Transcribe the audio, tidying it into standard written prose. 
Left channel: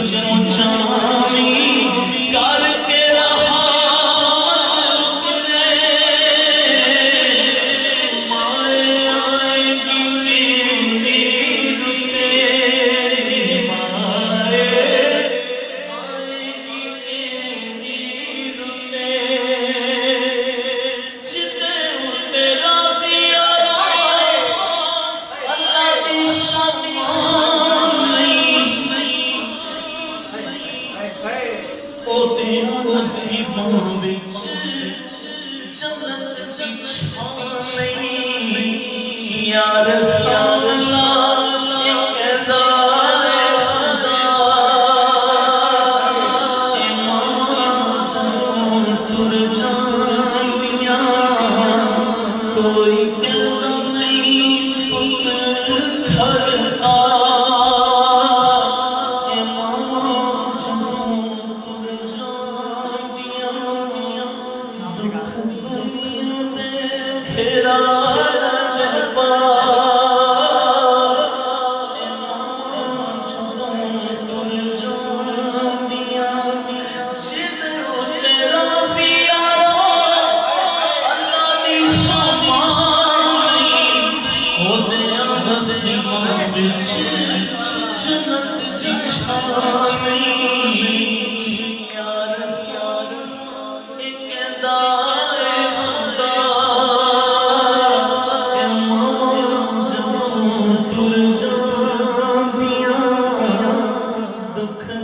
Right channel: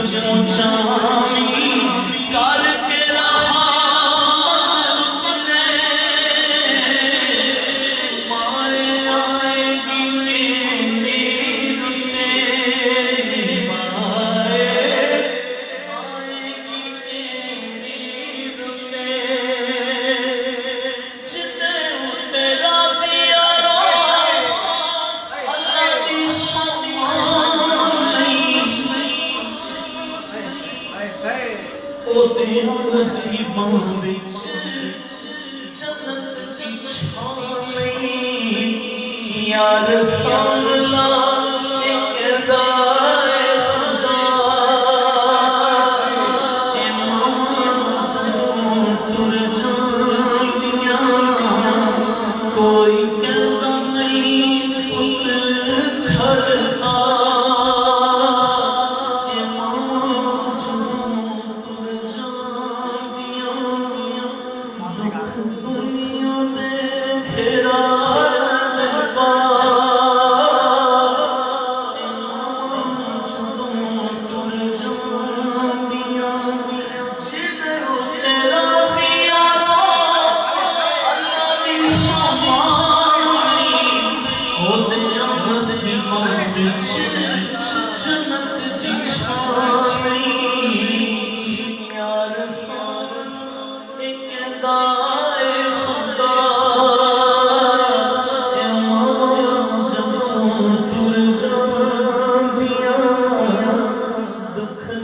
पहुंचावी करके रहा माए आएगी मेरी माए आएगी मेरी जितने उतने राजी अल्लाह दी शादी नसीबों विच जन्नत दी छां या रसूल अल्लाह एक ज़ाए खुदा इमाम टुर जानिया कोई कहता नहीं पुत्र घर आ दुख